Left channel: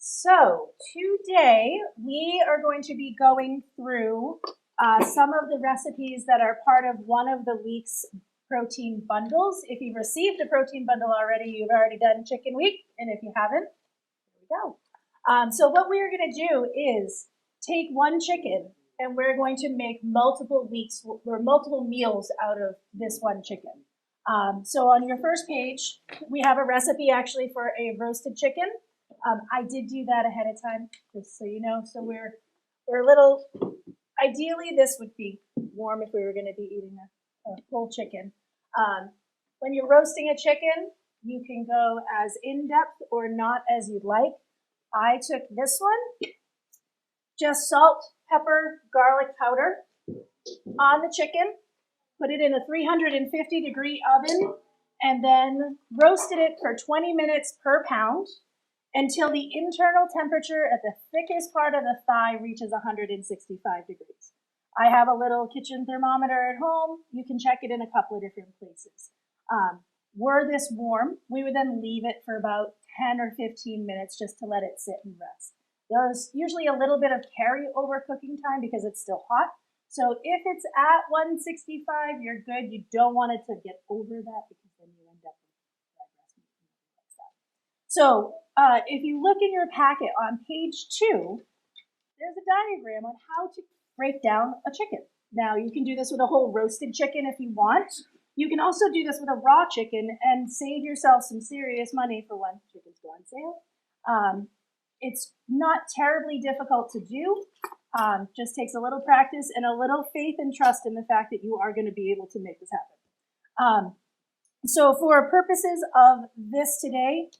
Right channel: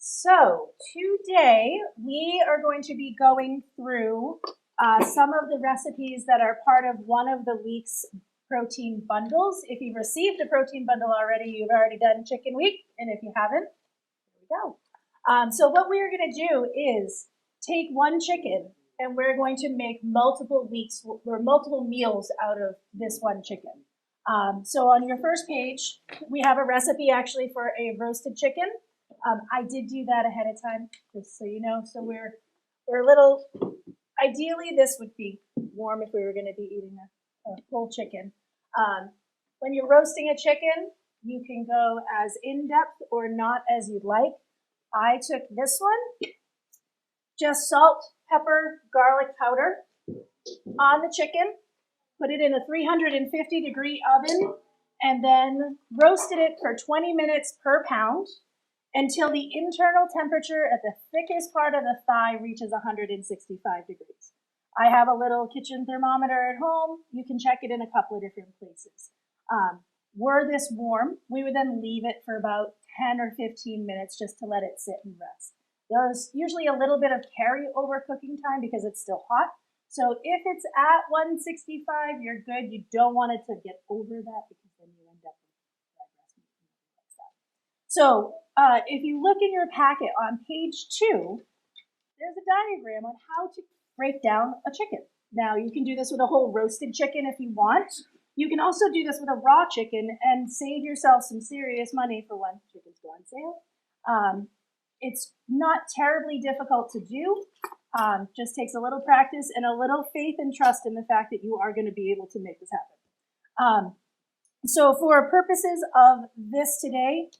So today we are going to be going through some of the recipes that are part of one of the week's protein bundles. If you've received a protein bundle already, you've already done Chicken Week, and if you haven't, here we go. So what we're going to do is take one chicken, and we're going to make multiple weeks or multiple meals out of this one chicken. So on your first page, we have a recipe actually for a roasted chicken. I did do that ahead of time, just so you know. So we're a little, ideally this would be warm if we were going to be eating a whole chicken. When you're roasting a chicken, you can go as in-depth or not as you'd like. I took this one, just salt, pepper, garlic powder on the chicken, put it in a 350-degree oven, and then roasted it for 20 minutes per pound until the internal temperature at the thickest part of the thigh reaches 165 degrees. I have a little kitchen thermometer at home. You can check it in a couple of different places. Were this warm, we would then leave it for about 10 or 15 minutes just to let it sit and rest. There's usually a little bit of carryover cooking time because it's still hot. So if it's at 165, you're good. You don't want it to get over that because then you end up with dry breast meat and everything like that. So if you look in your packet on page 2, there's a diagram on how to break down a chicken. Now, you can do this with a whole roasted chicken if you want. You can also do this with a raw chicken and save yourself some serious money for when chickens go on sale. It's not terribly difficult to do. Just takes a little practice and a little faith and trust in the fact that you are going to be able to make this happen. So for purposes of this today,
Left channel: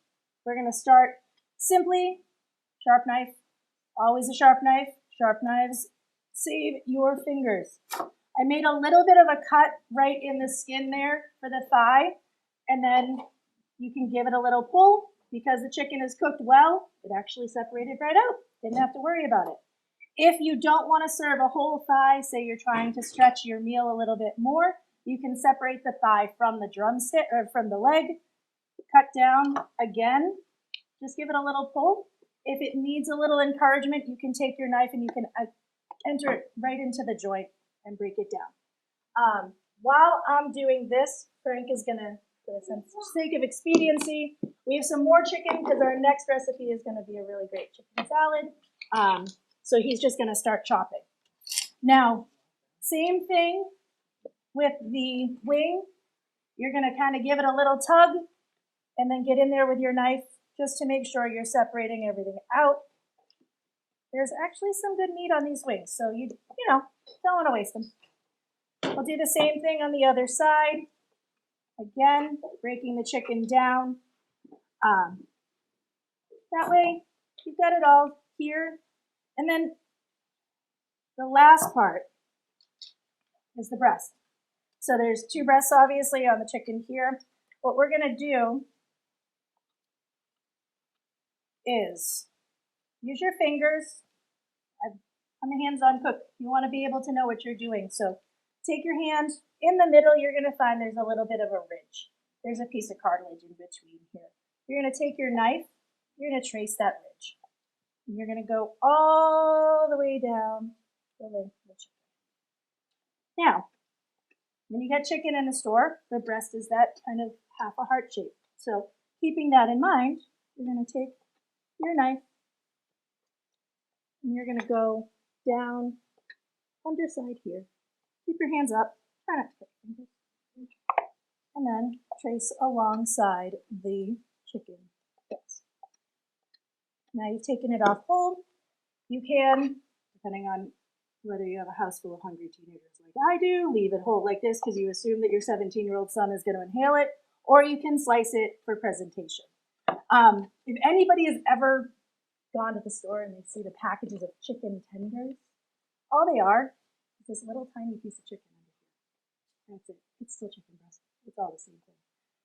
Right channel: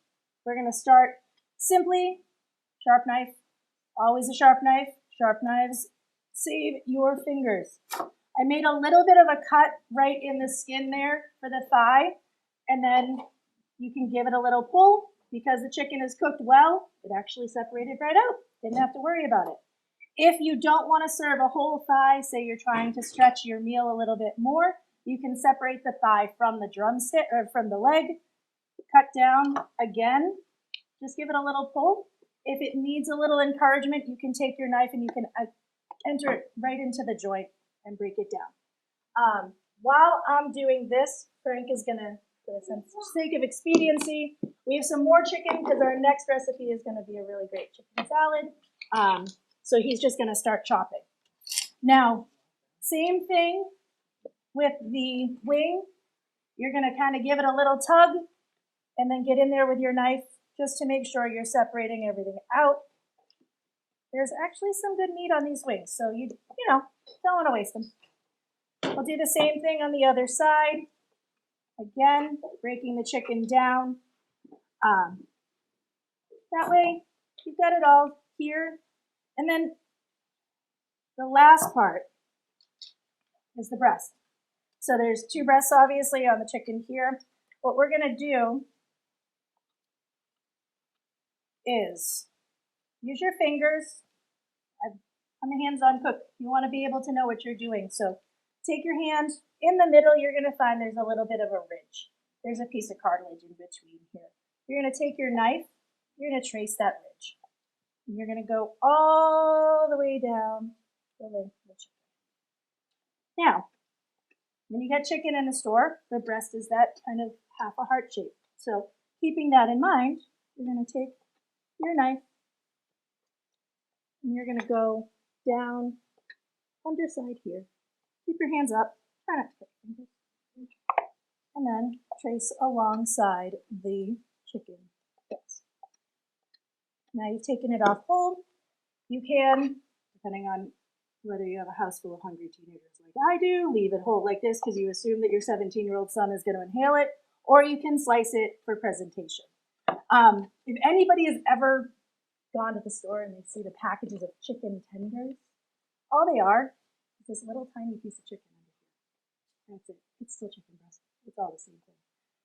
we're going to start simply sharp knife, always a sharp knife. Sharp knives save your fingers. I made a little bit of a cut right in the skin there for the thigh, and then you can give it a little pull. Because the chicken is cooked well, it actually separated right out. Didn't have to worry about it. If you don't want to serve a whole thigh, say you're trying to stretch your meal a little bit more, you can separate the thigh from the drumstick or from the leg, cut down again, just give it a little pull. If it needs a little encouragement, you can take your knife and you can enter it right into the joint and break it down. While I'm doing this, Frank is going to, for the sake of expediency, we have some more chicken because our next recipe is going to be a really great chicken salad. So he's just going to start chopping. Now, same thing with the wing. You're going to kind of give it a little tug and then get in there with your knife just to make sure you're separating everything out. There's actually some good meat on these wings, so you don't want to waste them. We'll do the same thing on the other side. Again, breaking the chicken down. That way, you've got it all here. And then the last part is the breast. So there's 2 breasts, obviously, on the chicken here. What we're going to do is use your fingers. I'm a hands-on cook. You want to be able to know what you're doing. So take your hand. In the middle, you're going to find there's a little bit of a ridge. There's a piece of cartilage in between here. You're going to take your knife. You're going to trace that ridge. And you're going to go all the way down the length of the chicken. Now, when you get chicken in the store, the breast is that kind of half a heart shape. So keeping that in mind, you're going to take your knife and you're going to go down underside here. Keep your hands up. Try not to put fingers. And then trace alongside the chicken breast. Now you've taken it off whole. You can, depending on whether you have a house full of hungry teenagers like I do, leave it whole like this because you assume that your 17-year-old son is going to inhale it, or you can slice it for presentation. If anybody has ever gone to the store and they see the packages of chicken tenders, all they are is this little tiny piece of chicken under here. That's it. It's still chicken breast. It's all the same thing.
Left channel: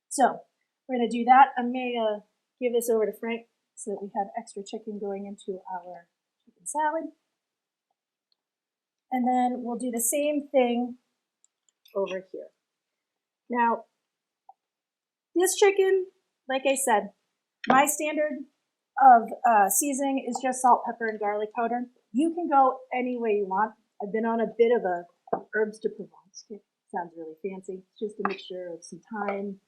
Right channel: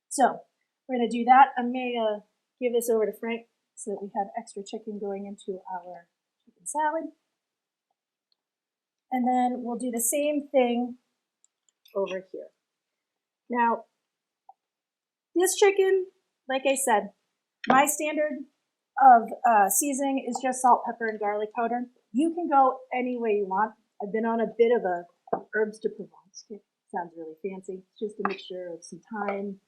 So we're going to do that. I'm going to give this over to Frank so that we have extra chicken going into our chicken salad. And then we'll do the same thing over here. Now, this chicken, like I said, my standard of seasoning is just salt, pepper, and garlic powder. You can go any way you want. I've been on a bit of a herbs de Provence. It sounds really fancy. It's just a mixture of some thyme,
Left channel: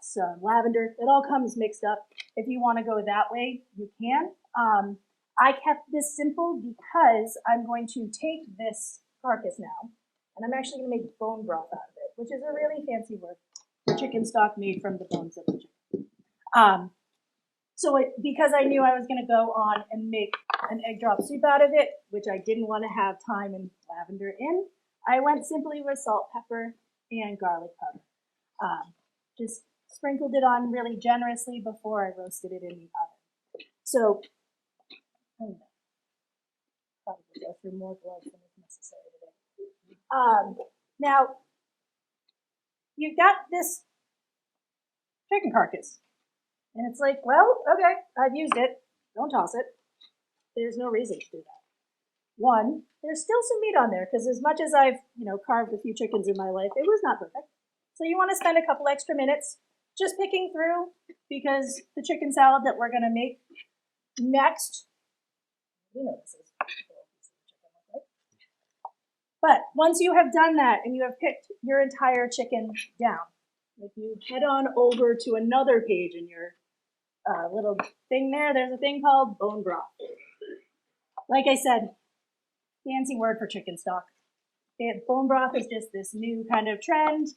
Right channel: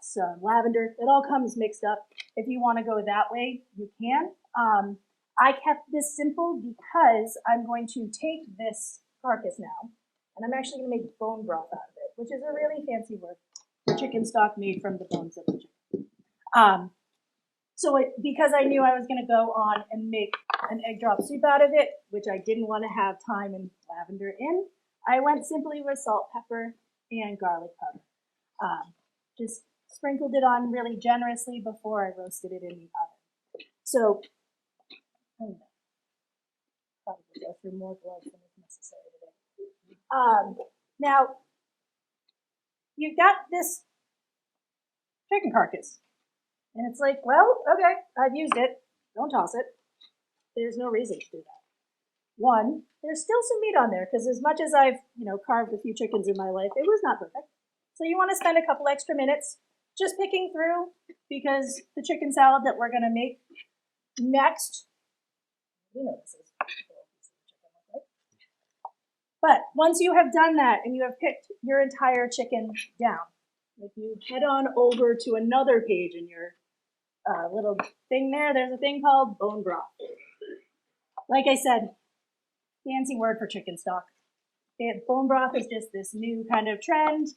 some lavender. It all comes mixed up. If you want to go that way, you can. I kept this simple because I'm going to take this carcass now, and I'm actually going to make bone broth out of it, which is a really fancy word for chicken stock made from the bones of the chicken. Because I knew I was going to go on and make an egg drop soup out of it, which I didn't want to have thyme and lavender in, I went simply with salt, pepper, and garlic powder. Just sprinkled it on really generously before I roasted it in the oven. So, probably go through more gloves than is necessary today. Now, you've got this chicken carcass. And it's like, well, okay, I've used it. Don't toss it. There's no reason to do that. One, there's still some meat on there because as much as I've, carved a few chickens in my life, it was not perfect. So you want to spend a couple extra minutes just picking through because the chicken salad that we're going to make next, this is but once you have done that and you have picked your entire chicken down, if you head on over to another page in your little thing there's a thing called bone broth. Like I said, fancy word for chicken stock. Bone broth is just this new kind of trend.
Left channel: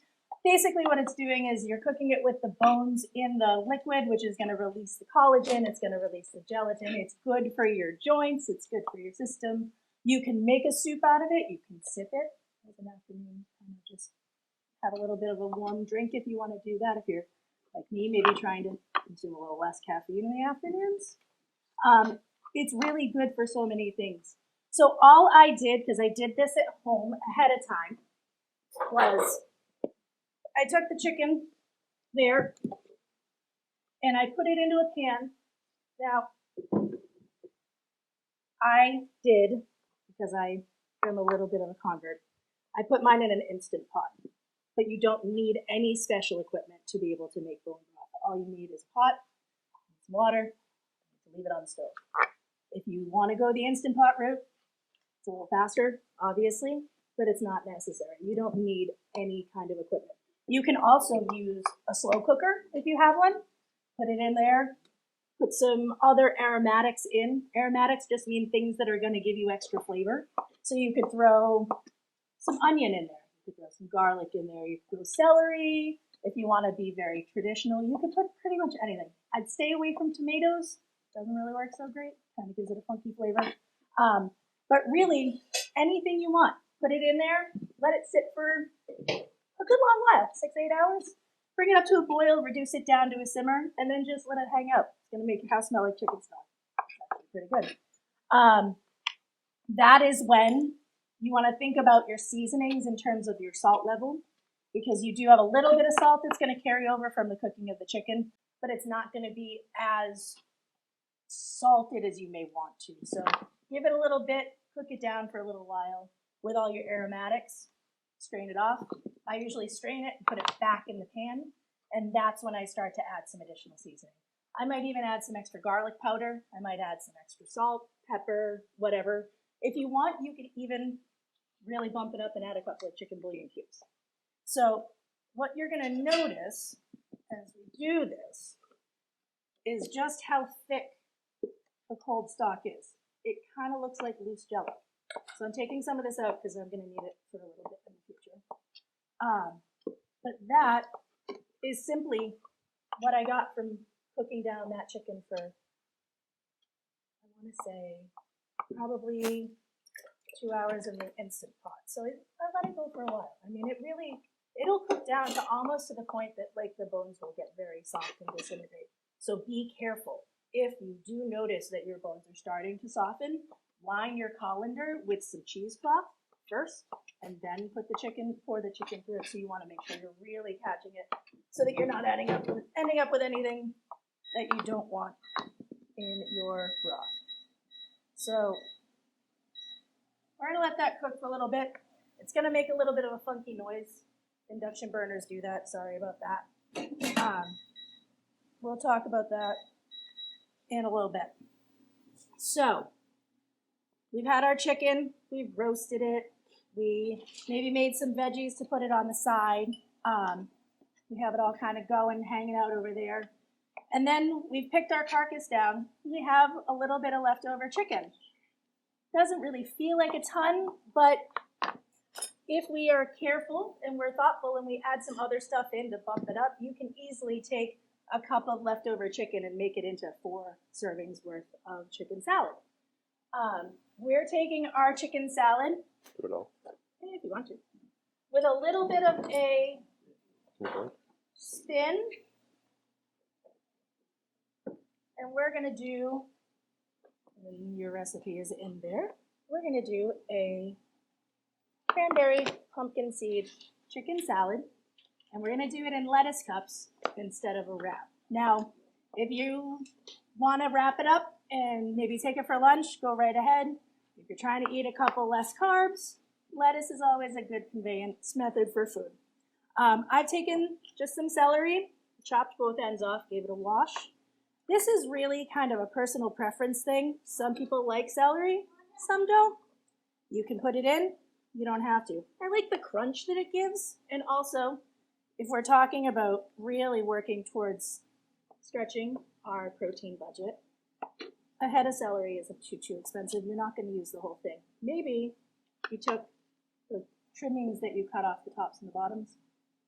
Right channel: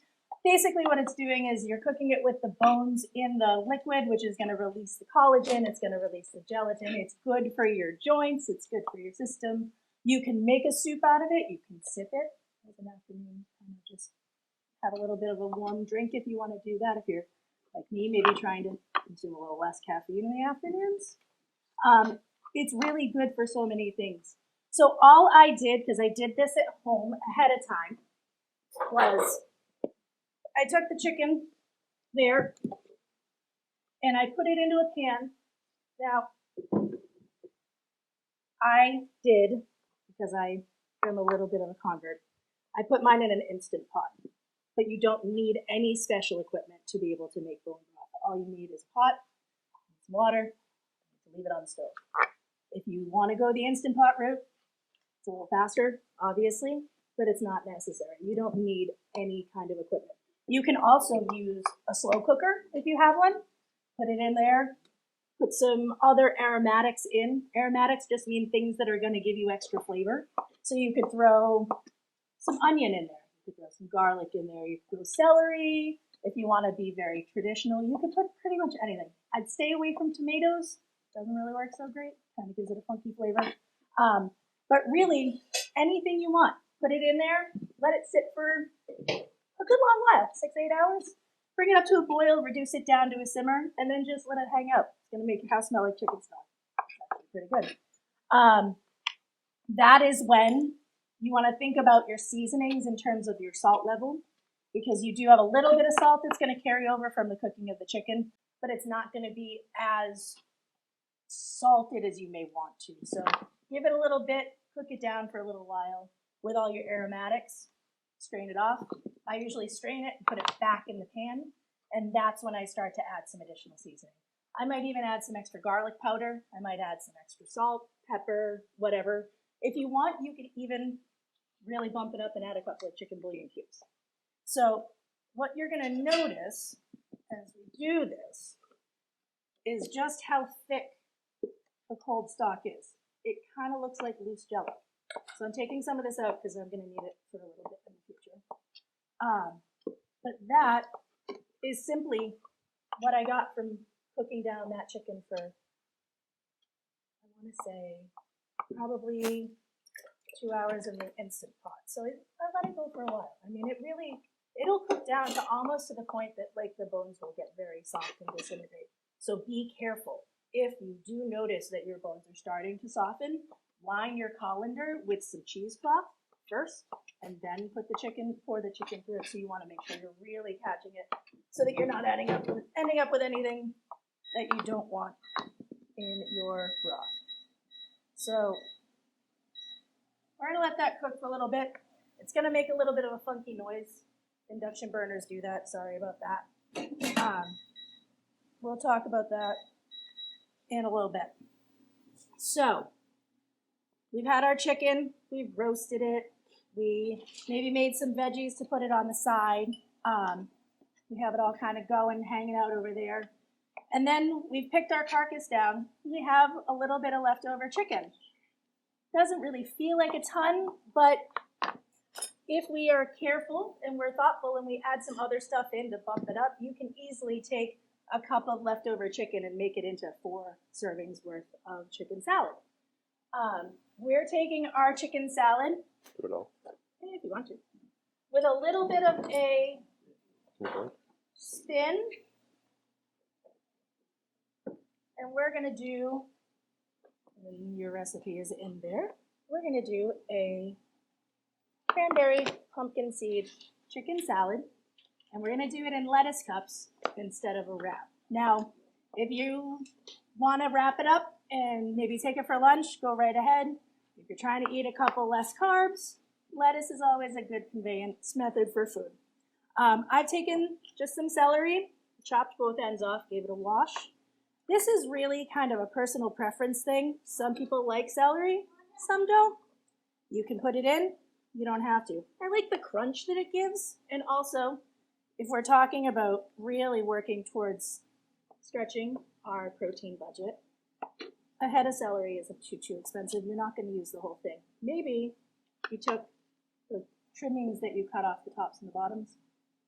Basically what it's doing is you're cooking it with the bones in the liquid, which is going to release the collagen, it's going to release the gelatin. It's good for your joints, it's good for your system. You can make a soup out of it, you can sip it as an afternoon, kind of just have a little bit of a warm drink if you want to do that. If you're like me, maybe trying to consume a little less caffeine in the afternoons. It's really good for so many things. So all I did, because I did this at home ahead of time, was I took the chicken there and I put it into a pan. Now, I did, because I am a little bit of a convert, I put mine in an Instant Pot. But you don't need any special equipment to be able to make bone broth. All you need is a pot, some water, and leave it on the stove. If you want to go the Instant Pot route, it's a little faster, obviously, but it's not necessary. You don't need any kind of equipment. You can also use a slow cooker if you have one. Put it in there. Put some other aromatics in. Aromatics just mean things that are going to give you extra flavor. So you could throw some onion in there. You could throw some garlic in there. You could throw celery. If you want to be very traditional, you could put pretty much anything. I'd stay away from tomatoes. Doesn't really work so great. Kind of gives it a funky flavor. But really, anything you want. Put it in there. Let it sit for a good long while, 6 to 8 hours. Bring it up to a boil, reduce it down to a simmer, and then just let it hang out. It's going to make your house smell like chicken stock. It's actually pretty good. That is when you want to think about your seasonings in terms of your salt level, because you do have a little bit of salt that's going to carry over from the cooking of the chicken, but it's not going to be as salted as you may want to. So give it a little bit, cook it down for a little while with all your aromatics, strain it off. I usually strain it and put it back in the pan, and that's when I start to add some additional seasoning. I might even add some extra garlic powder. I might add some extra salt, pepper, whatever. If you want, you could even really bump it up and add a couple of chicken bouillon cubes. So what you're going to notice as we do this is just how thick the cold stock is. It kind of looks like loose jello. So I'm taking some of this out because I'm going to need it for a little bit in the future. But that is simply what I got from cooking down that chicken for, I want to say, probably 2 hours in the Instant Pot. So I let it go for a while. I mean, it'll cook down to almost to the point that like the bones will get very soft and disintegrate. So be careful. If you do notice that your bones are starting to soften, line your colander with some cheesecloth first, and then pour the chicken through it. So you want to make sure you're really catching it, so that you're not ending up with anything that you don't want in your broth. So we're gonna let that cook for a little bit. It's gonna make a little bit of a funky noise. Induction burners do that. Sorry about that. We'll talk about that in a little bit. So we've had our chicken. We've roasted it. We maybe made some veggies to put it on the side. We have it all kind of going, hanging out over there. And then we've picked our carcass down. We have a little bit of leftover chicken. Doesn't really feel like a ton, but if we are careful and we're thoughtful and we add some other stuff in to bump it up, you can easily take a cup of leftover chicken and make it into 4 servings worth of chicken salad. We're taking our chicken salad, Do it all. if you want to, with a little bit of a spin. And we're gonna do, and your recipe is in there, we're gonna do a cranberry pumpkin seed chicken salad, and we're gonna do it in lettuce cups instead of a wrap. Now, if you wanna wrap it up and maybe take it for lunch, go right ahead. If you're trying to eat a couple less carbs, lettuce is always a good conveyance method for food. I've taken just some celery, chopped both ends off, gave it a wash. This is really kind of a personal preference thing. Some people like celery, some don't. You can put it in, you don't have to. I like the crunch that it gives, and also, if we're talking about really working towards stretching our protein budget, a head of celery isn't too expensive. You're not going to use the whole thing. Maybe you took the trimmings that you cut off the tops and the bottoms,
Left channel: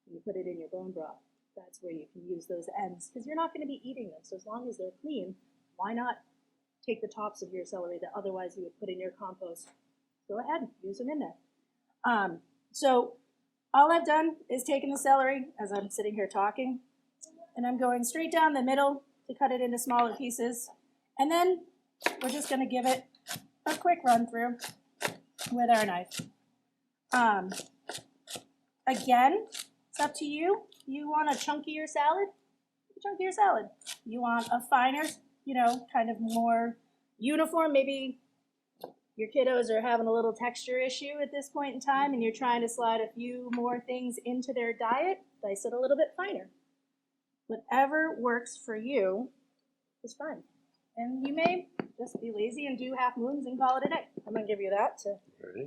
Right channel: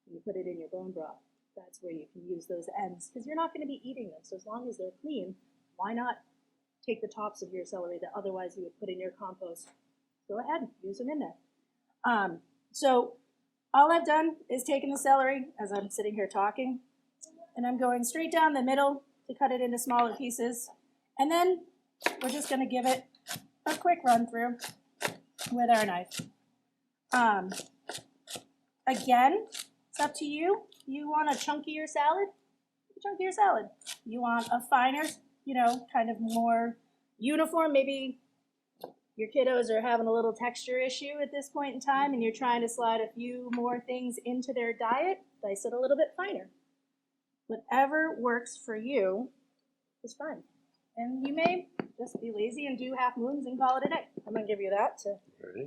and you put it in your bone broth. That's where you can use those ends, because you're not going to be eating them. So as long as they're clean, why not take the tops of your celery that otherwise you would put in your compost? Go ahead, use them in there. So all I've done is taken the celery as I'm sitting here talking, and I'm going straight down the middle to cut it into smaller pieces. And then we're just going to give it a quick run through with our knife. Again, it's up to you. You want a chunkier salad? Chunkier salad. You want a finer, kind of more uniform, maybe your kiddos are having a little texture issue at this point in time and you're trying to slide a few more things into their diet, dice it a little bit finer. Whatever works for you is fine. And you may just be lazy and do half moons and call it a day. I'm going to give you that to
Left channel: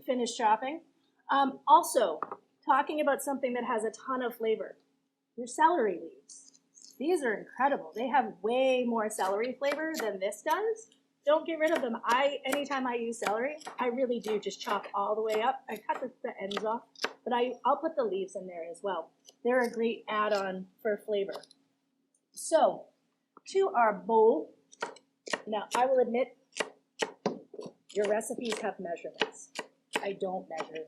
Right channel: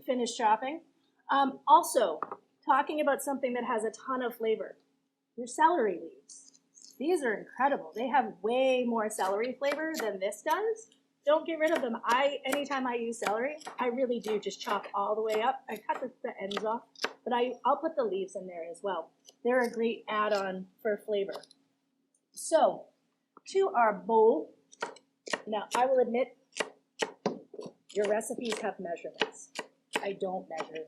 finish chopping. Also, talking about something that has a ton of flavor. Your celery leaves. These are incredible. They have way more celery flavor than this does. Don't get rid of them. Anytime I use celery, I really do just chop all the way up. I cut the ends off, but I'll put the leaves in there as well. They're a great add-on for flavor. So, to our bowl. Now, I will admit, your recipes have measurements. I don't measure.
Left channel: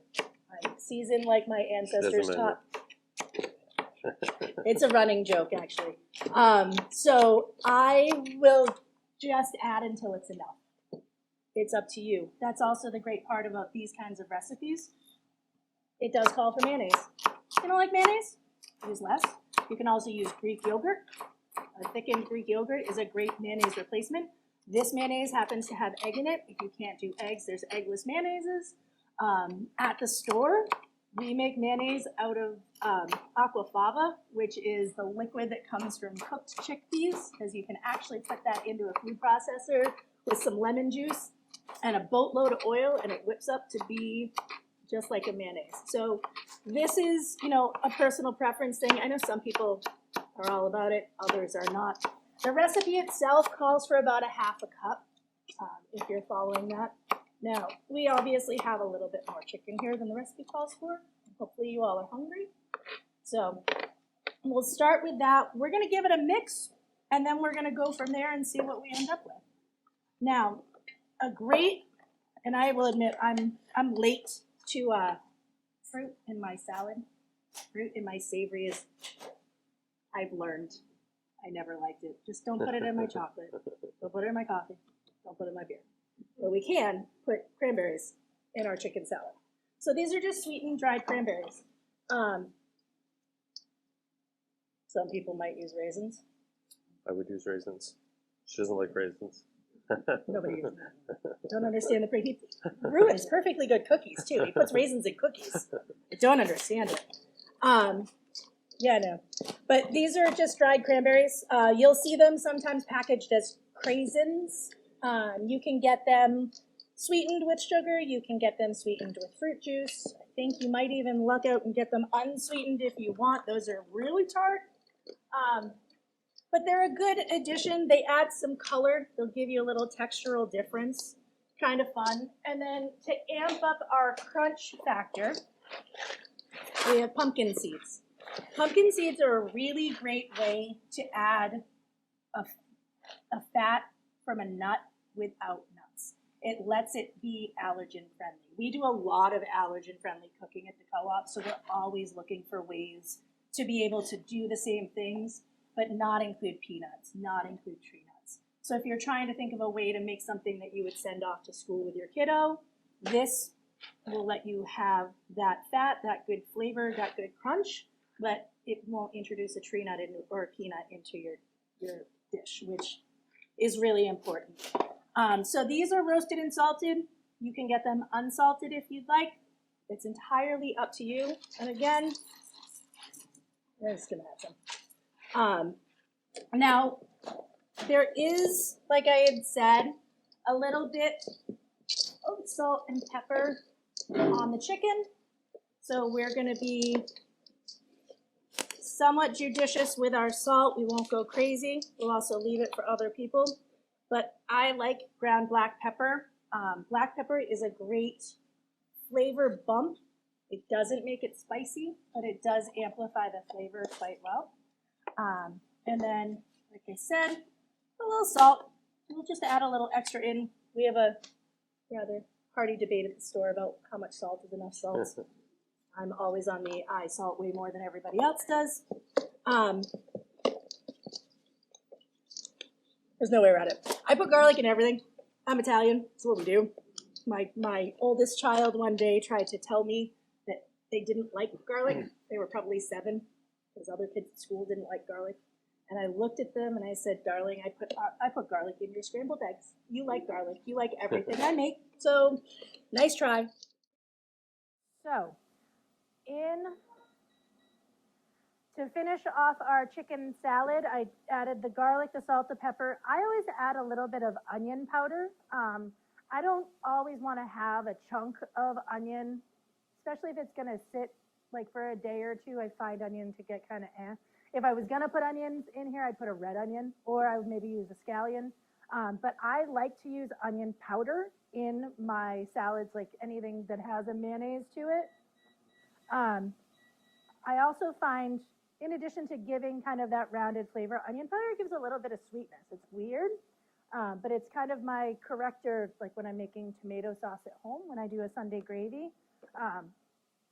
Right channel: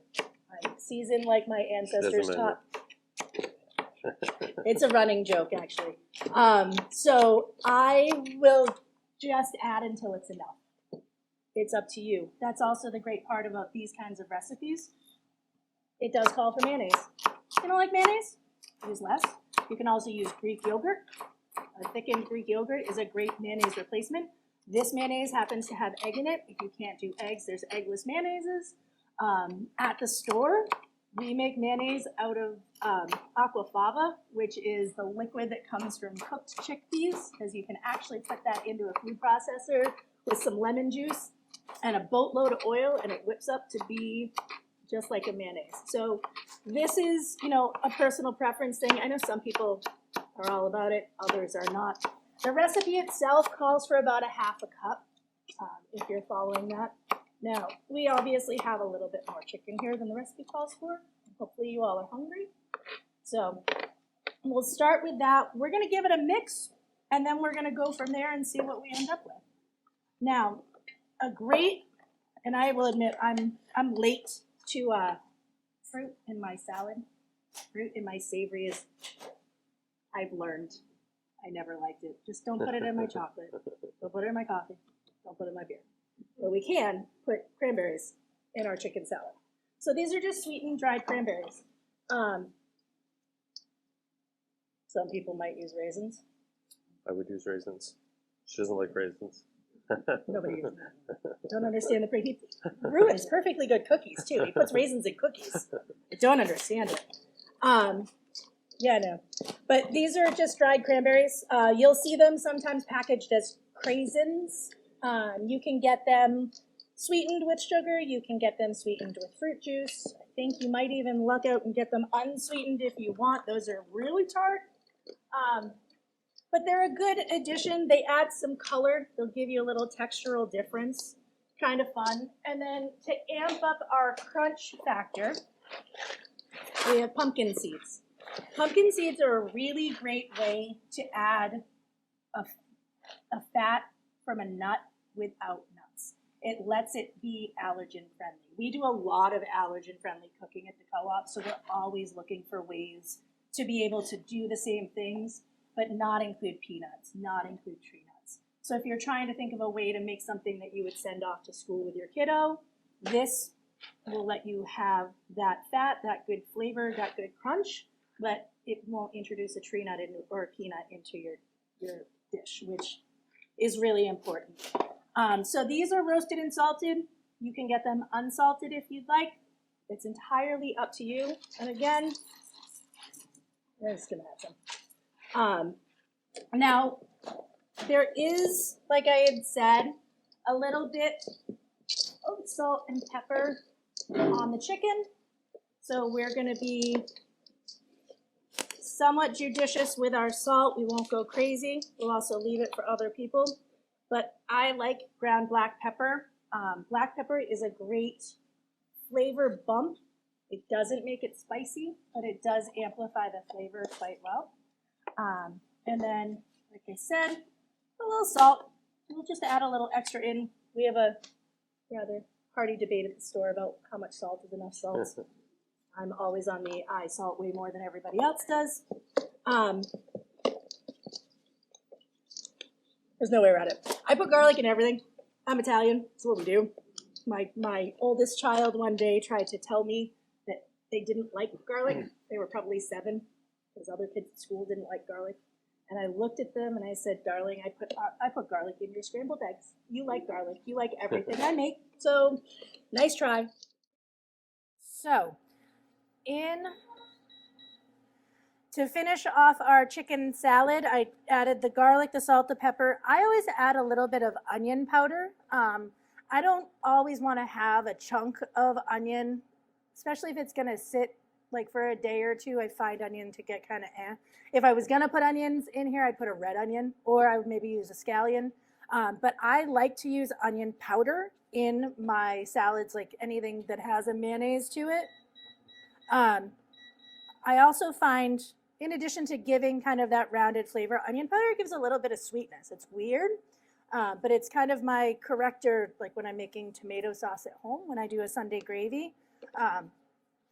I season like my ancestors taught. It's a running joke, actually. So I will just add until it's enough. It's up to you. That's also the great part about these kinds of recipes. It does call for mayonnaise. If you don't like mayonnaise, use less. You can also use Greek yogurt. A thickened Greek yogurt is a great mayonnaise replacement. This mayonnaise happens to have egg in it. If you can't do eggs, there's eggless mayonnaises. At the store, we make mayonnaise out of aquafaba, which is the liquid that comes from cooked chickpeas, because you can actually put that into a food processor with some lemon juice and a boatload of oil, and it whips up to be just like a mayonnaise. So this is, a personal preference thing. I know some people are all about it, others are not. The recipe itself calls for about a half a cup, if you're following that. Now, we obviously have a little bit more chicken here than the recipe calls for. Hopefully you all are hungry. So we'll start with that. We're going to give it a mix, and then we're going to go from there and see what we end up with. Now, and I will admit I'm late to fruit in my salad. Fruit in my savory is, I've learned, I never liked it. Just don't put it in my chocolate. Don't put it in my coffee. Don't put it in my beer. But we can put cranberries in our chicken salad. So these are just sweetened dried cranberries. Some people might use raisins. I would use raisins. She doesn't like raisins. Nobody uses that. Don't understand the he ruins perfectly good cookies too. He puts raisins in cookies. I don't understand it. Yeah, no. But these are just dried cranberries. You'll see them sometimes packaged as craisins. You can get them sweetened with sugar. You can get them sweetened with fruit juice. I think you might even luck out and get them unsweetened if you want. Those are really tart. But they're a good addition. They add some color. They'll give you a little textural difference. Kind of fun. And then to amp up our crunch factor, we have pumpkin seeds. Pumpkin seeds are a really great way to add a fat from a nut without nuts. It lets it be allergen friendly. We do a lot of allergen friendly cooking at the co-op, so we're always looking for ways to be able to do the same things, but not include peanuts, not include tree nuts. So if you're trying to think of a way to make something that you would send off to school with your kiddo, this will let you have that fat, that good flavor, that good crunch, but it won't introduce a tree nut or a peanut into your dish, which is really important. So these are roasted and salted. You can get them unsalted if you'd like. It's entirely up to you. And again, I'm just gonna add some. Now, there is, like I had said, a little bit of salt and pepper on the chicken. So we're gonna be somewhat judicious with our salt. We won't go crazy. We'll also leave it for other people. But I like ground black pepper. Black pepper is a great flavor bump. It doesn't make it spicy, but it does amplify the flavor quite well. And then, like I said, a little salt. We'll just add a little extra in. We have a rather hearty debate at the store about how much salt is enough salt. I'm always on the I salt way more than everybody else does. There's no way around it. I put garlic in everything. I'm Italian. That's what we do. My oldest child one day tried to tell me that they didn't like garlic. They were probably 7. Because other kids at school didn't like garlic. And I looked at them and I said, darling, I put garlic in your scrambled eggs. You like garlic. You like everything I make. So, nice try. So, to finish off our chicken salad, I added the garlic, the salt, the pepper. I always add a little bit of onion powder. I don't always want to have a chunk of onion, especially if it's going to sit like for a day or two. I find onion to get kind of If I was going to put onions in here, I'd put a red onion, or I would maybe use a scallion. But I like to use onion powder in my salads, like anything that has a mayonnaise to it. I also find, in addition to giving kind of that rounded flavor, onion powder gives a little bit of sweetness. It's weird, but it's kind of my corrector, like when I'm making tomato sauce at home, when I do a Sunday gravy.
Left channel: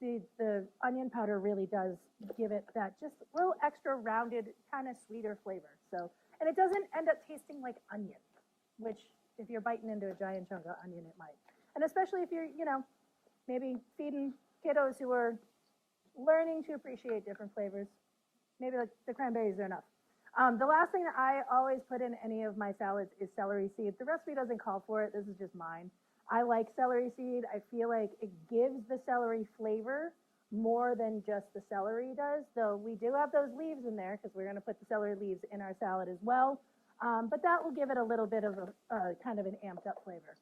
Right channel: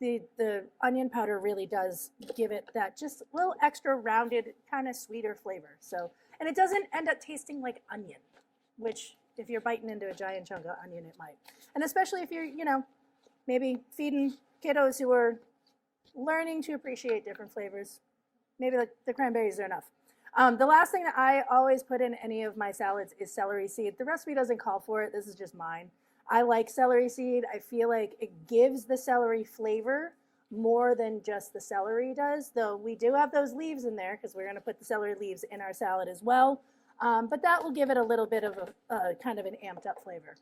The onion powder really does give it that just a little extra rounded, kind of sweeter flavor. So, and it doesn't end up tasting like onion, which if you're biting into a giant chunk of onion, it might. And especially if you're, maybe feeding kiddos who are learning to appreciate different flavors, maybe the cranberries are enough. The last thing that I always put in any of my salads is celery seed. The recipe doesn't call for it. This is just mine. I like celery seed. I feel like it gives the celery flavor more than just the celery does, though we do have those leaves in there because we're going to put the celery leaves in our salad as well. But that will give it a little bit of a kind of an amped up flavor.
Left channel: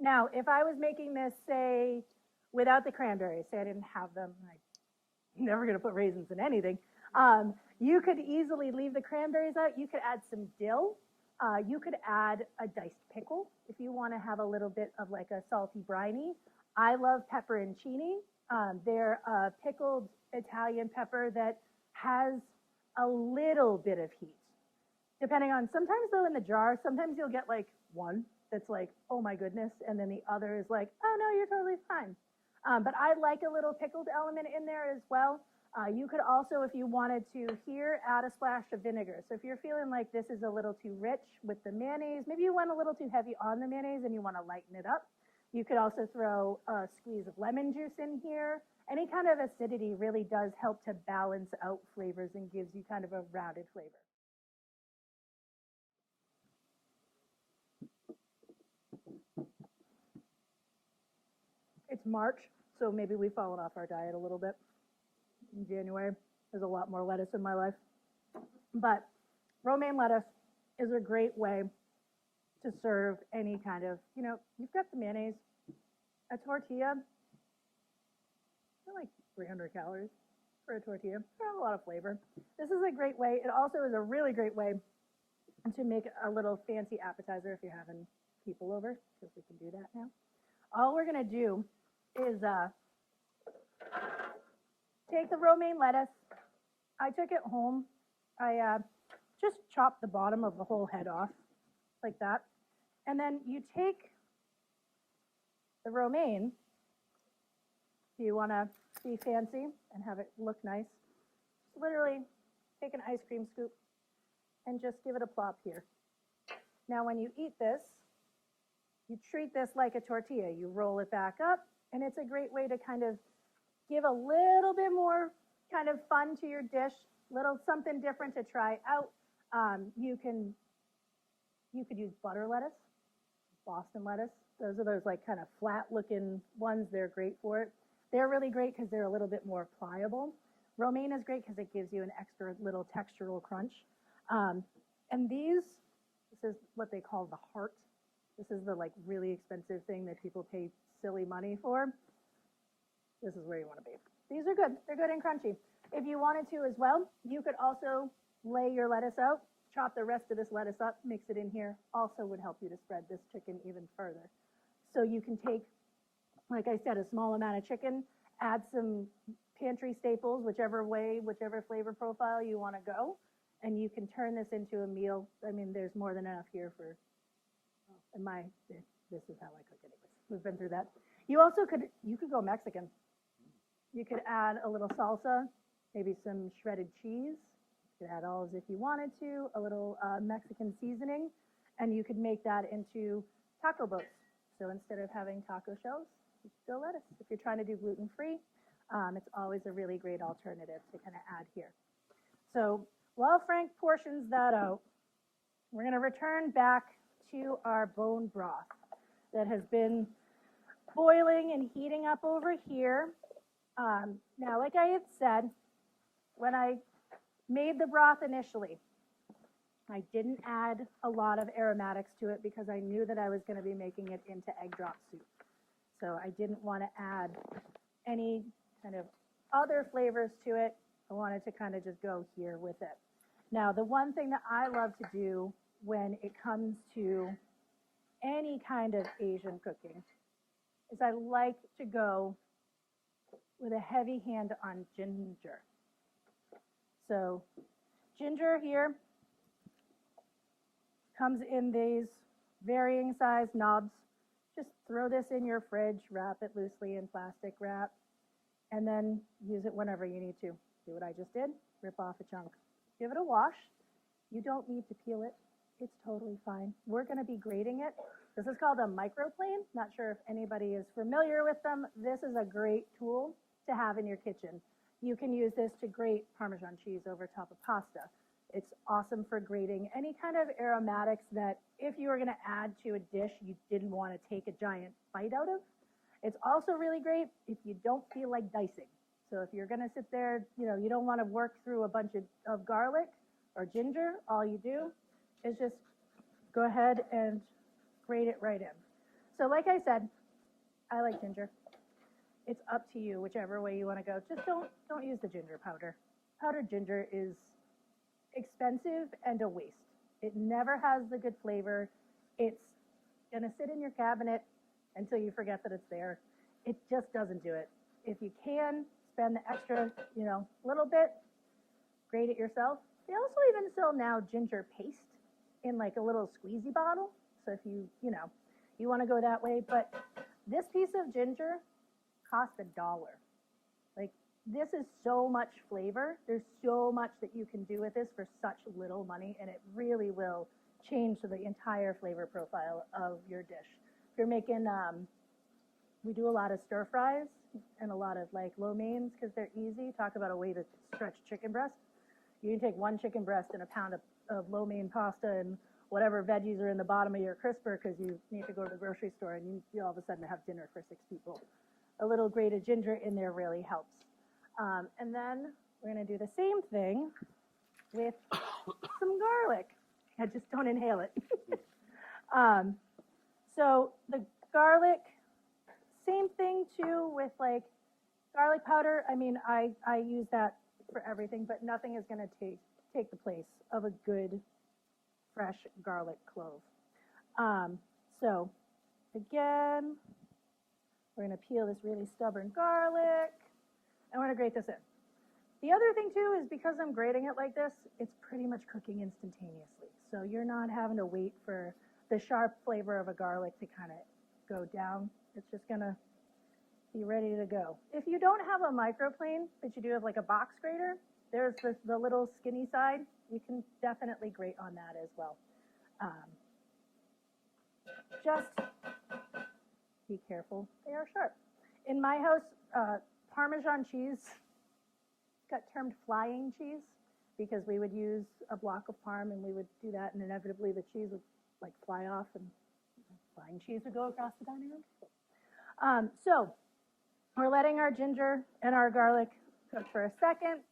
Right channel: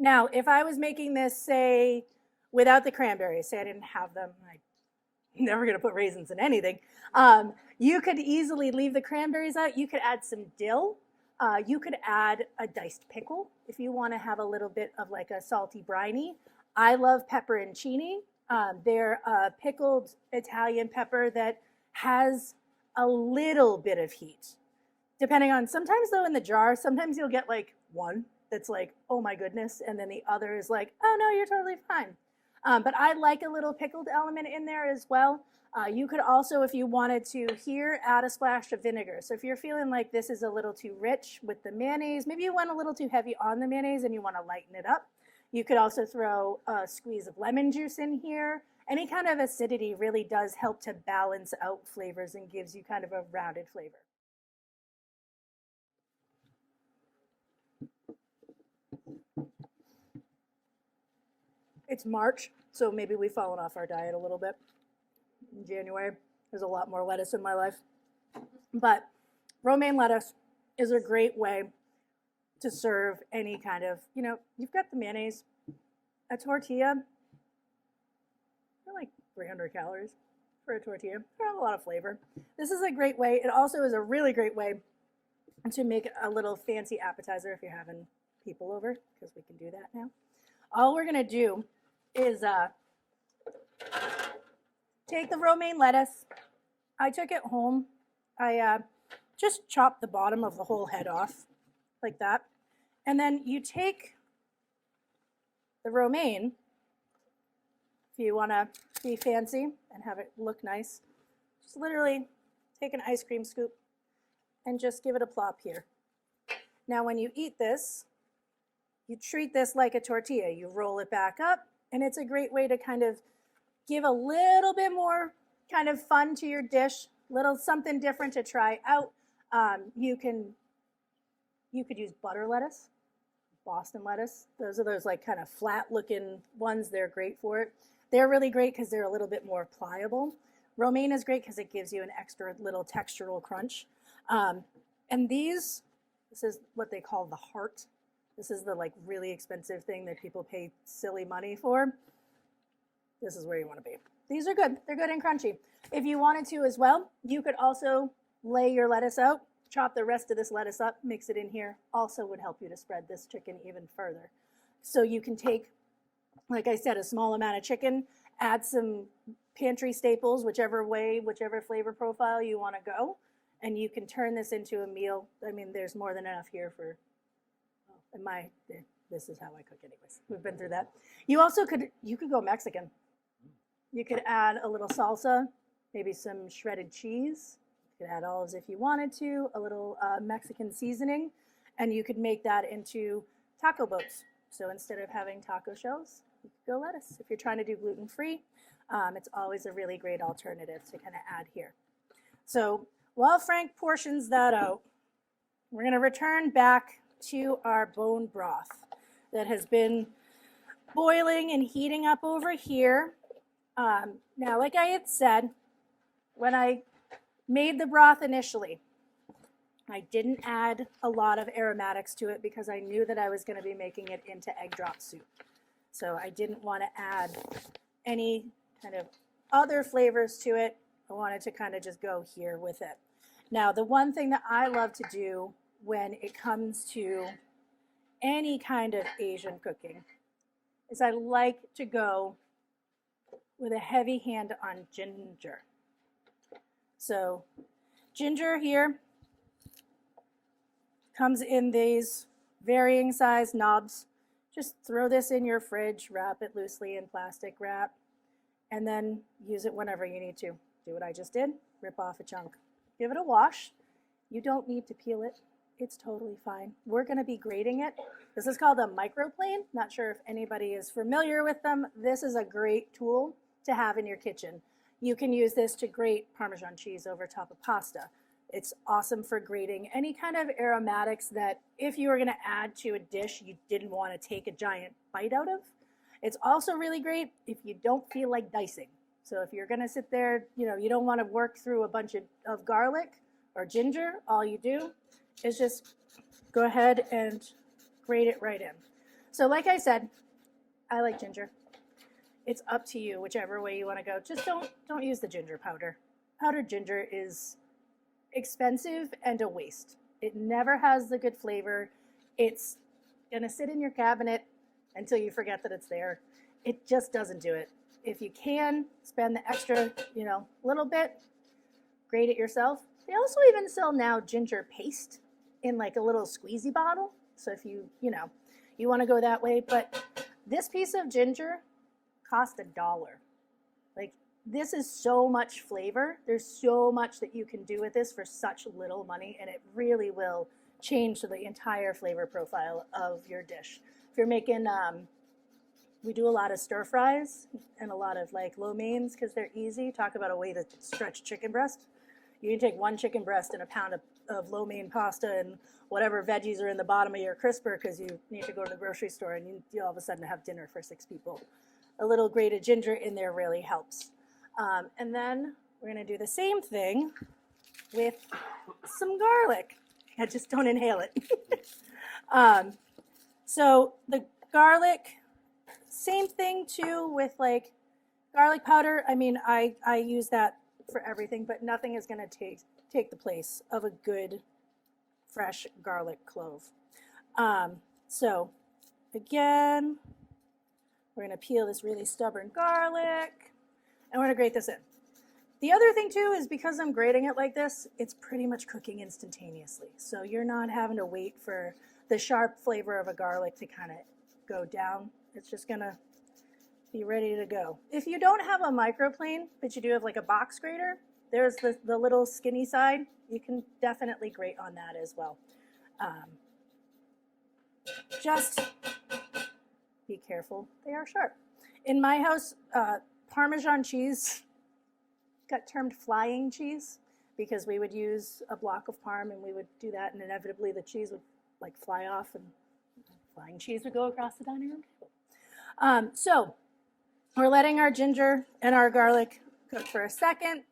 Now, if I was making this, say, without the cranberries, say I didn't have them, I'm never going to put raisins in anything, you could easily leave the cranberries out. You could add some dill. You could add a diced pickle if you want to have a little bit of like a salty briny. I love pepperoncini. They're a pickled Italian pepper that has a little bit of heat. Depending on, sometimes though in the jar, sometimes you'll get like one that's like, oh my goodness, and then the other is like, oh no, you're totally fine. But I like a little pickled element in there as well. You could also, if you wanted to here, add a splash of vinegar. So if you're feeling like this is a little too rich with the mayonnaise, maybe you went a little too heavy on the mayonnaise and you want to lighten it up, you could also throw a squeeze of lemon juice in here. Any kind of acidity really does help to balance out flavors and gives you kind of a rounded flavor. It's March, so maybe we've fallen off our diet a little bit. In January, there's a lot more lettuce in my life. But romaine lettuce is a great way to serve any kind of, you've got the mayonnaise, a tortilla, they're like 300 calories for a tortilla. Not a lot of flavor. This is a great way. It also is a really great way to make a little fancy appetizer if you're having people over, because we can do that now. All we're going to do is take the romaine lettuce. I took it home. I just chopped the bottom of the whole head off like that. And then you take the romaine, if you want to be fancy and have it look nice, just literally take an ice cream scoop and just give it a plop here. Now when you eat this, you treat this like a tortilla. You roll it back up, and it's a great way to kind of give a little bit more kind of fun to your dish, little something different to try out. You could use butter lettuce, Boston lettuce. Those are those like kind of flat looking ones. They're great for it. They're really great because they're a little bit more pliable. Romaine is great because it gives you an extra little textural crunch. And this is what they call the heart. This is the like really expensive thing that people pay silly money for. This is where you want to be. These are good. They're good and crunchy. If you wanted to as well, you could also lay your lettuce out, chop the rest of this lettuce up, mix it in here. Also would help you to spread this chicken even further. So you can take, like I said, a small amount of chicken, add some pantry staples, whichever flavor profile you want to go, and you can turn this into a meal. I mean, there's more than enough here for, this is how I cook anyways. We've been through that. You could go Mexican. You could add a little salsa, maybe some shredded cheese. You could add olives if you wanted to, a little Mexican seasoning, and you could make that into taco boats. So instead of having taco shells, you could go lettuce. If you're trying to do gluten-free, it's always a really great alternative to kind of add here. So while Frank portions that out, we're going to return back to our bone broth that has been boiling and heating up over here. Now, like I had said, when I made the broth initially, I didn't add a lot of aromatics to it because I knew that I was going to be making it into egg drop soup. So I didn't want to add any kind of other flavors to it. I wanted to kind of just go here with it. Now, the one thing that I love to do when it comes to any kind of Asian cooking is I like to go with a heavy hand on ginger. So ginger here comes in these varying size knobs. Just throw this in your fridge, wrap it loosely in plastic wrap, and then use it whenever you need to. Do what I just did, rip off a chunk. Give it a wash. You don't need to peel it. It's totally fine. We're gonna be grating it. This is called a microplane. Not sure if anybody is familiar with them. This is a great tool to have in your kitchen. You can use this to grate Parmesan cheese over top of pasta. It's awesome for grating any kind of aromatics that if you were gonna add to a dish you didn't wanna take a giant bite out of. It's also really great if you don't feel like dicing. So if you're gonna sit there, you don't wanna work through a bunch of garlic or ginger, all you do is just go ahead and grate it right in. So like I said, I like ginger. It's up to you, whichever way you want to go. Just don't use the ginger powder. Powdered ginger is expensive and a waste. It never has the good flavor. It's gonna sit in your cabinet until you forget that it's there. It just doesn't do it. If you can spend the extra, little bit, grate it yourself. They also even sell now ginger paste in like a little squeezy bottle. So if you want to go that way, but this piece of ginger cost $1. Like, this is so much flavor. There's so much that you can do with this for such little money, and it really will change the entire flavor profile of your dish. If you're making, we do a lot of stir fries and a lot of like lo meins because they're easy. Talk about a way to stretch chicken breast. You can take one chicken breast and a pound of lo mein pasta and whatever veggies are in the bottom of your crisper because you need to go to the grocery store and you all of a sudden have dinner for 6 people. A little grated ginger in there really helps. And then we're going to do the same thing with some garlic. I just don't inhale it. So the garlic, same thing too with like garlic powder. I mean, I use that for everything, but nothing is going to take the place of a good fresh garlic clove. So again, we're going to peel this really stubborn garlic, and we're going to grate this in. The other thing too is because I'm grating it like this, it's pretty much cooking instantaneously. So you're not having to wait for the sharp flavor of a garlic to kind of go down. It's just going to be ready to go. If you don't have a microplane, but you do have like a box grater, there's the little skinny side. You can definitely grate on that as well. Just be careful, they are sharp. In my house, Parmesan cheese got termed flying cheese because we would use a block of parm and we would do that, and inevitably the cheese would like fly off and flying cheese would go across the dining room table. So we're letting our ginger and our garlic cook for a second.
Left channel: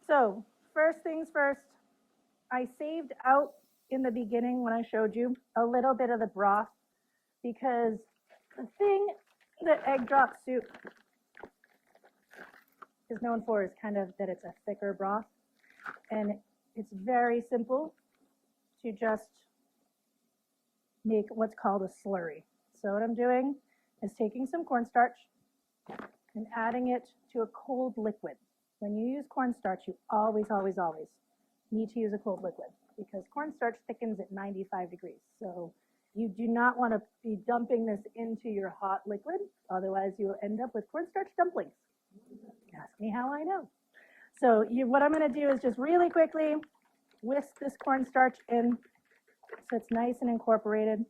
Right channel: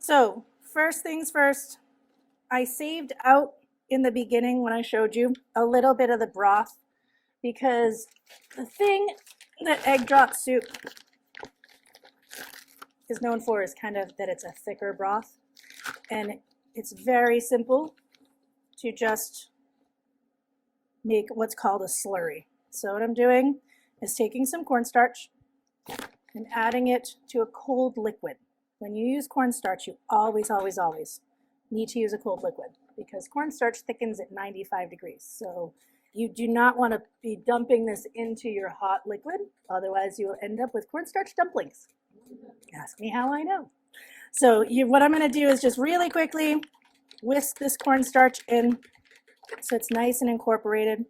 So first things first, I saved out in the beginning when I showed you a little bit of the broth because the thing that egg drop soup is known for is kind of that it's a thicker broth, and it's very simple to just make what's called a slurry. So what I'm doing is taking some cornstarch and adding it to a cold liquid. When you use cornstarch, you always, always, always need to use a cold liquid because cornstarch thickens at 95 degrees. So you do not want to be dumping this into your hot liquid, otherwise you will end up with cornstarch dumplings. Ask me how I know. So what I'm going to do is just really quickly whisk this cornstarch in so it's nice and incorporated.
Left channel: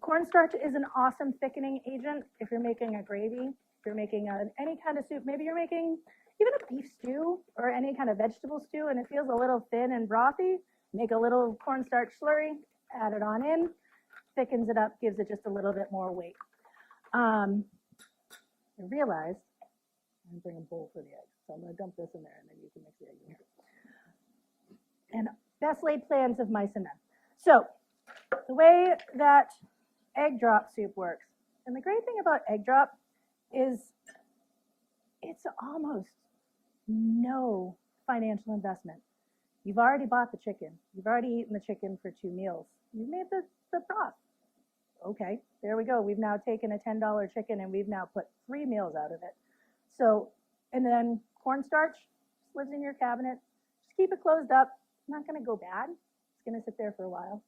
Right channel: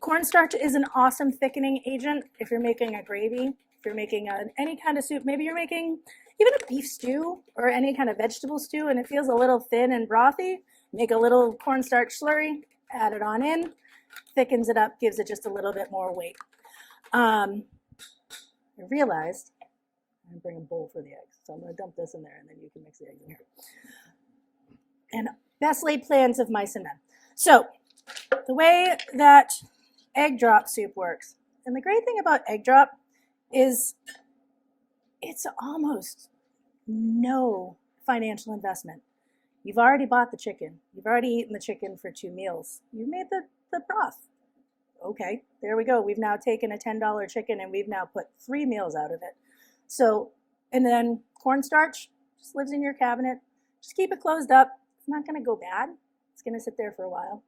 Cornstarch is an awesome thickening agent if you're making a gravy, if you're making any kind of soup. Maybe you're making even a beef stew or any kind of vegetable stew and it feels a little thin and brothy. Make a little cornstarch slurry, add it on in, thickens it up, gives it just a little bit more weight. I realized I'm going to bring a bowl for the eggs. So I'm going to dump this in there and then you can mix the eggs in here. And best laid plans of mice and men. So the way that egg drop soup works, and the great thing about egg drop is it's almost no financial investment. You've already bought the chicken. You've already eaten the chicken for 2 meals. You've made the broth. Okay, there we go. We've now taken a $10 chicken and we've now put 3 meals out of it. So, and then cornstarch just lives in your cabinet. Just keep it closed up. It's not going to go bad. It's going to sit there for a while.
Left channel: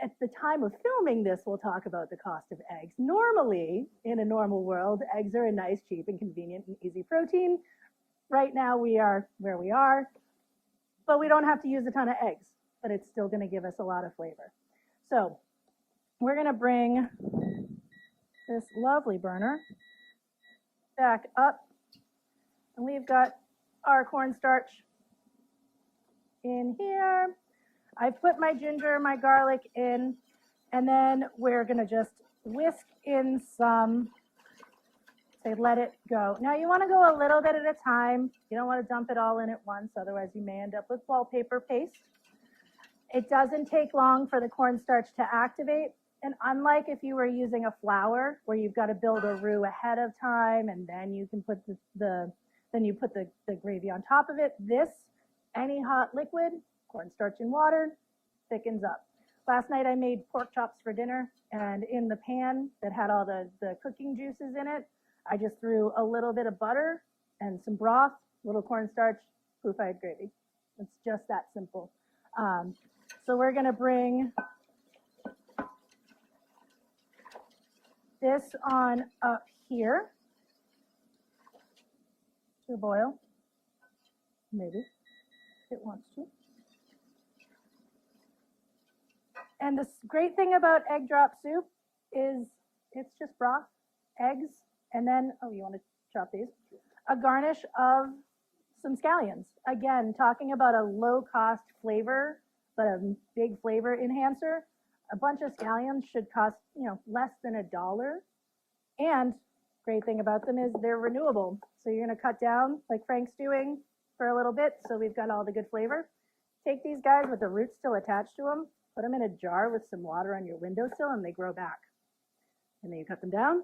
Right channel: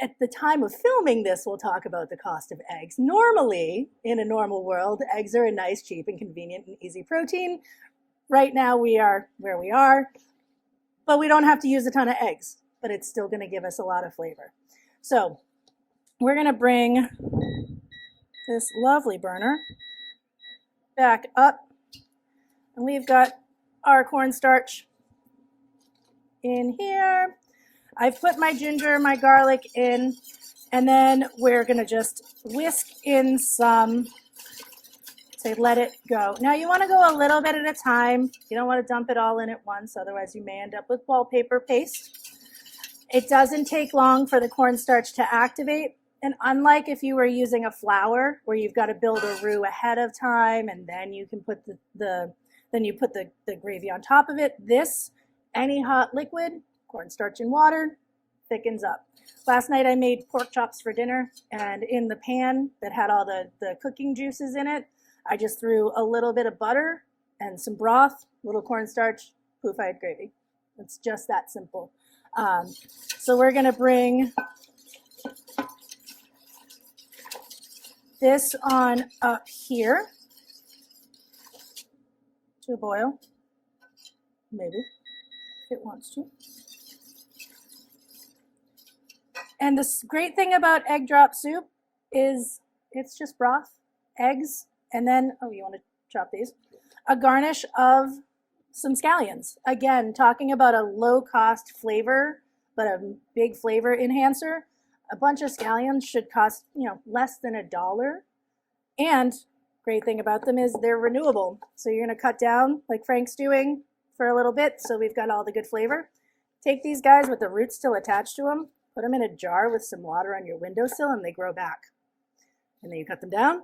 At the time of filming this, we'll talk about the cost of eggs. Normally, in a normal world, eggs are a nice, cheap, and convenient and easy protein. Right now, we are where we are, but we don't have to use a ton of eggs, but it's still going to give us a lot of flavor. So we're going to bring this lovely burner back up, and we've got our cornstarch in here. I've put my ginger, my garlic in, and then we're gonna just whisk in some, say let it go. Now you wanna go a little bit at a time. You don't wanna dump it all in at once, otherwise you may end up with wallpaper paste. It doesn't take long for the cornstarch to activate. And unlike if you were using a flour where you've got to build a roux ahead of time and then you can put the gravy on top of it, this, any hot liquid, cornstarch and water, thickens up. Last night I made pork chops for dinner, and in the pan that had all the cooking juices in it, I just threw a little bit of butter and some broth, little cornstarch, poof, I had gravy. It's just that simple. So we're gonna bring this on up here to a boil, maybe, if it wants to. And the great thing about egg drop soup is it's just broth, eggs, and then, oh, you want to chop these? A garnish of some scallions. Again, talking about a low-cost flavor, but a big flavor enhancer. A bunch of scallions should cost, less than $1. And great thing about them is they're renewable. So you're going to cut down like Frank's doing for a little bit, so we've got all the good flavor. Take these guys with the roots still attached to them, put them in a jar with some water on your windowsill, and they grow back. And then you cut them down.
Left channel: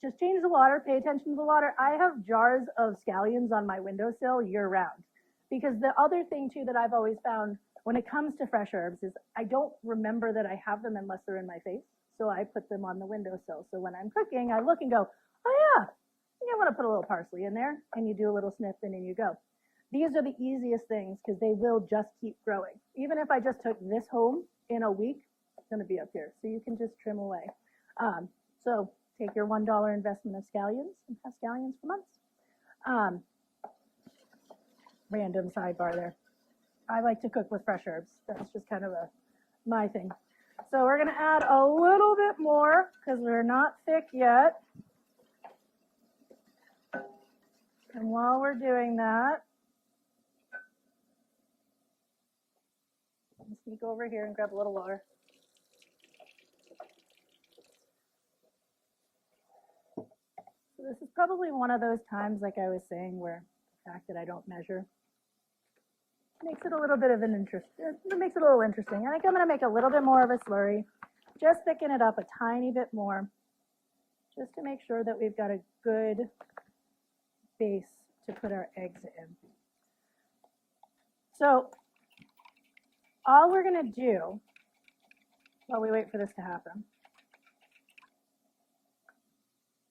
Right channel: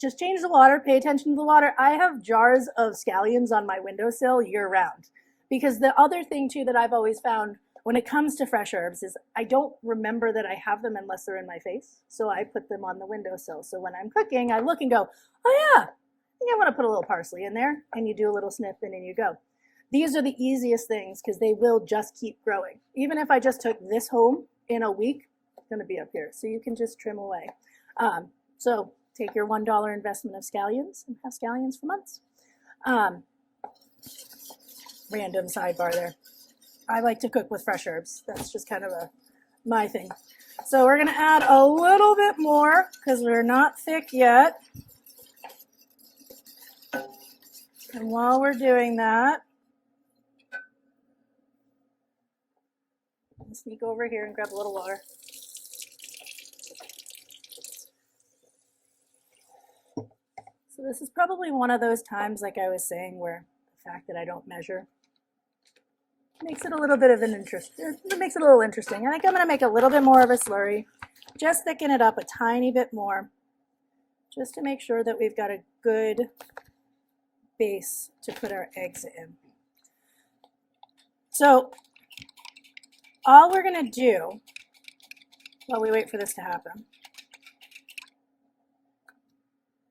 Just change the water, pay attention to the water. I have jars of scallions on my windowsill year round. Because the other thing too that I've always found when it comes to fresh herbs is I don't remember that I have them unless they're in my face. So I put them on the windowsill. So when I'm cooking, I look and go, oh yeah, I think I want to put a little parsley in there. And you do a little snip and in you go. These are the easiest things because they will just keep growing. Even if I just took this home in a week, it's going to be up here. So you can just trim away. So take your $1 investment of scallions and have scallions for months. Random sidebar there. I like to cook with fresh herbs. That's just kind of my thing. So we're going to add a little bit more because we're not thick yet. And while we're doing that, I'll sneak over here and grab a little water. So this is probably one of those times, like I was saying, where the fact that I don't measure makes it a little bit of an interest. It makes it a little interesting. I think I'm going to make a little bit more of a slurry, just thicken it up a tiny bit more, just to make sure that we've got a good base to put our eggs in. So all we're going to do while we wait for this to happen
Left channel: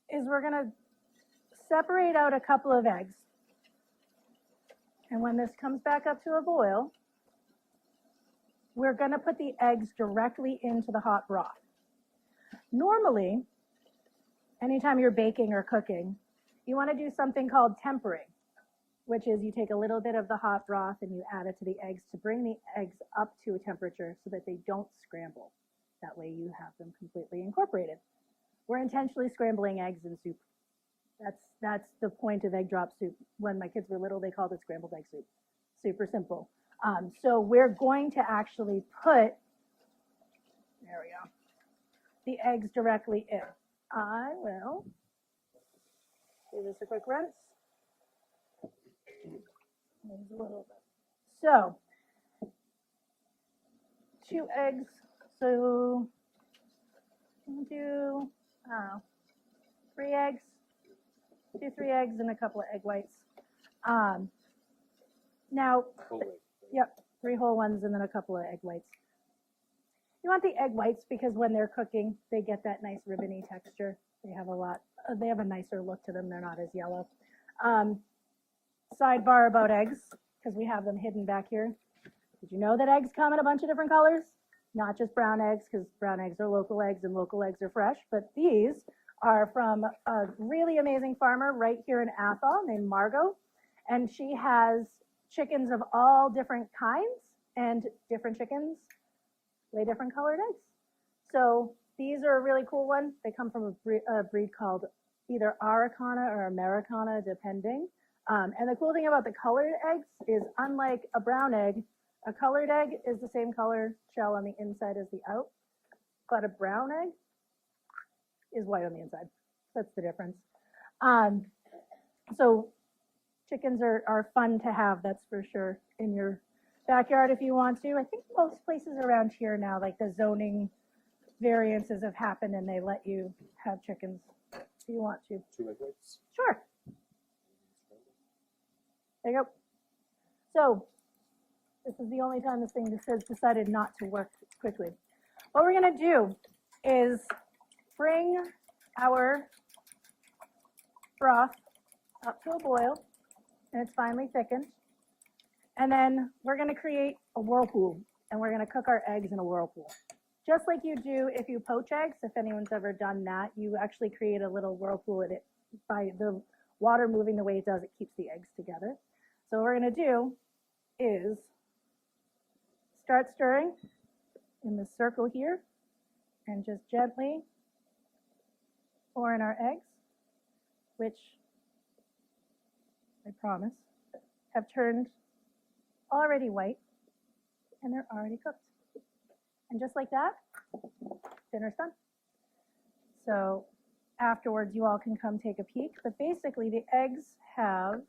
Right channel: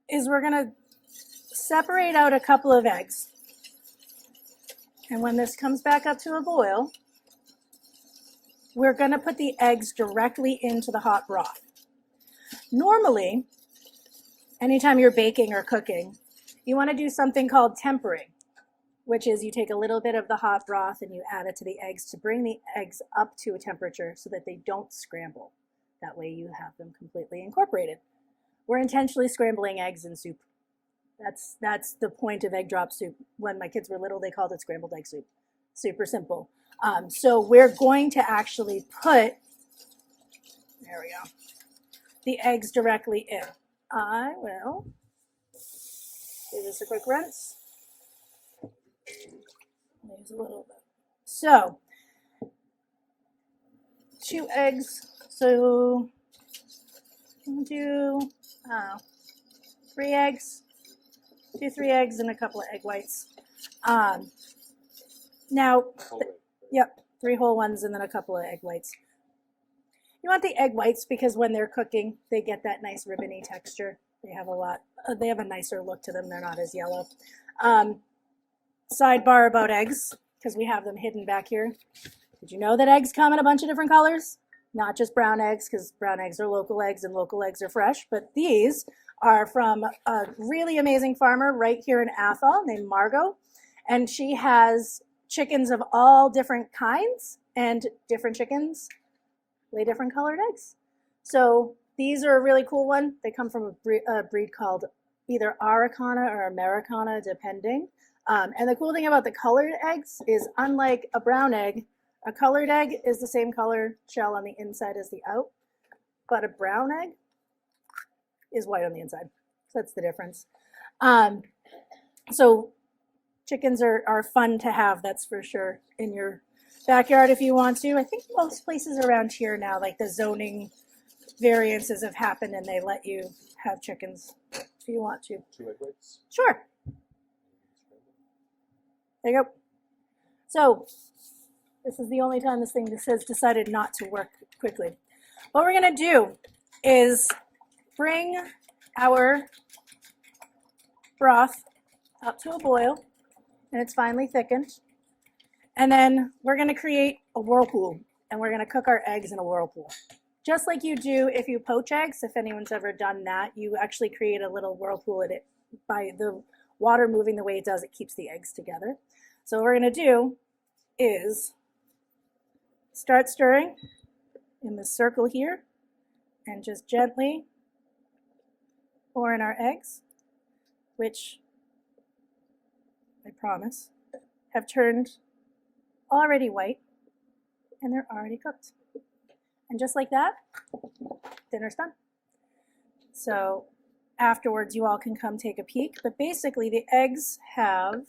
is we're going to separate out a couple of eggs. And when this comes back up to a boil, we're going to put the eggs directly into the hot broth. Normally, anytime you're baking or cooking, you want to do something called tempering, which is you take a little bit of the hot broth and you add it to the eggs to bring the eggs up to a temperature so that they don't scramble. That way you have them completely incorporated. We're intentionally scrambling eggs in soup. That's the point of egg drop soup. When my kids were little, they called it scrambled egg soup. Super simple. So we're going to actually put, there we go, the eggs directly in. I will give this a quick rinse. Use a little bit. So 2 eggs. So we'll do 3 eggs. 3 eggs and a couple of egg whites. Now, yep, 3 whole ones and then a couple of egg whites. You want the egg whites because when they're cooking, they get that nice ribbony texture. They have a nicer look to them. They're not as yellow. Sidebar about eggs, because we have them hidden back here. Did you know that eggs come in a bunch of different colors? Not just brown eggs, because brown eggs are local eggs and local eggs are fresh, but these are from a really amazing farmer right here in Athol named Margot. And she has chickens of all different kinds, and different chickens lay different colored eggs. So these are a really cool one. They come from a breed called either Araucana or Americana, depending. And the cool thing about the colored eggs is, unlike a brown egg, a colored egg is the same color shell on the inside as the out, but a brown egg is white on the inside. So that's the difference. So chickens are fun to have, that's for sure, in your backyard if you want to. I think most places around here now, like the zoning variances have happened and they let you have chickens if you want to. 2 egg whites. Sure. There you go. So this is the only time this thing has decided not to work quickly. What we're going to do is bring our broth up to a boil, and it's finely thickened. And then we're going to create a whirlpool, and we're going to cook our eggs in a whirlpool. just like you do if you poach eggs. If anyone's ever done that, you actually create a little whirlpool in it by the water moving the way it does. It keeps the eggs together. So what we're going to do is start stirring in the circle here and just gently pour in our eggs, which I promise have turned already white and they're already cooked. And just like that, dinner's done. So afterwards, you all can come take a peek. But basically, the eggs have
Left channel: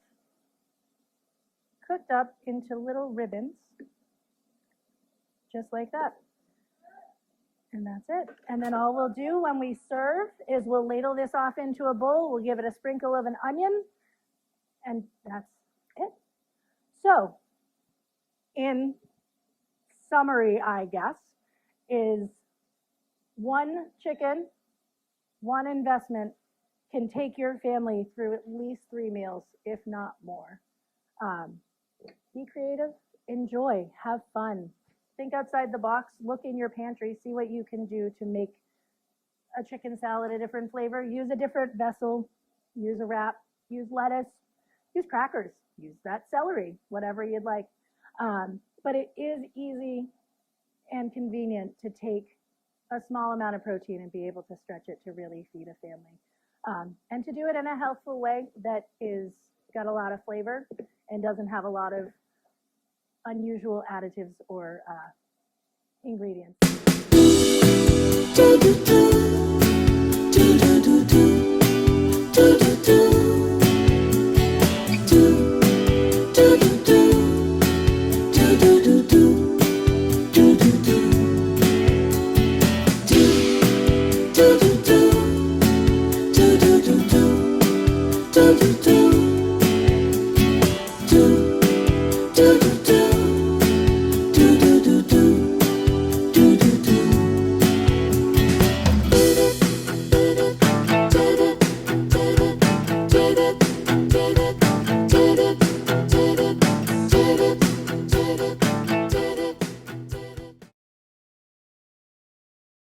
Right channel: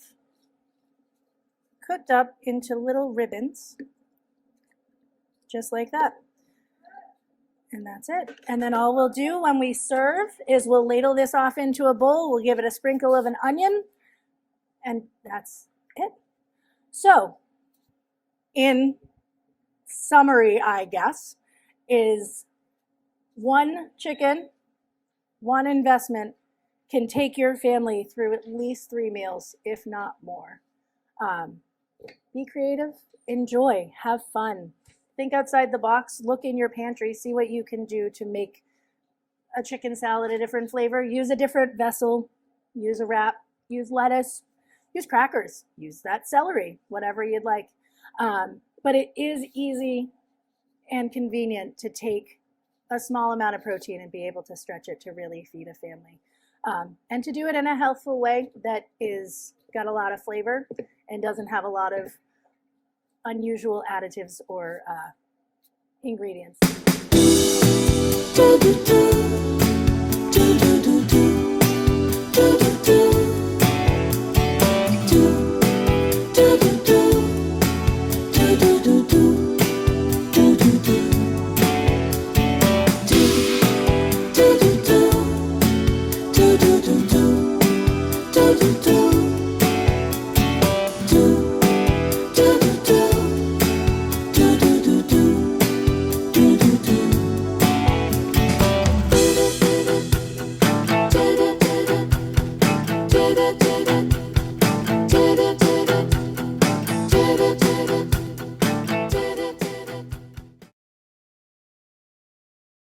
cooked up into little ribbons, just like that. And that's it. And then all we'll do when we serve is we'll ladle this off into a bowl. We'll give it a sprinkle of an onion, and that's it. So, in summary, I guess, is one chicken, one investment can take your family through at least 3 meals, if not more. Be creative, enjoy, have fun. Think outside the box, look in your pantry, see what you can do to make a chicken salad a different flavor. Use a different vessel, use a wrap, use lettuce, use crackers, use that celery, whatever you'd like. But it is easy and convenient to take a small amount of protein and be able to stretch it to really feed a family. And to do it in a healthful way that is got a lot of flavor and doesn't have a lot of unusual additives or ingredients. Do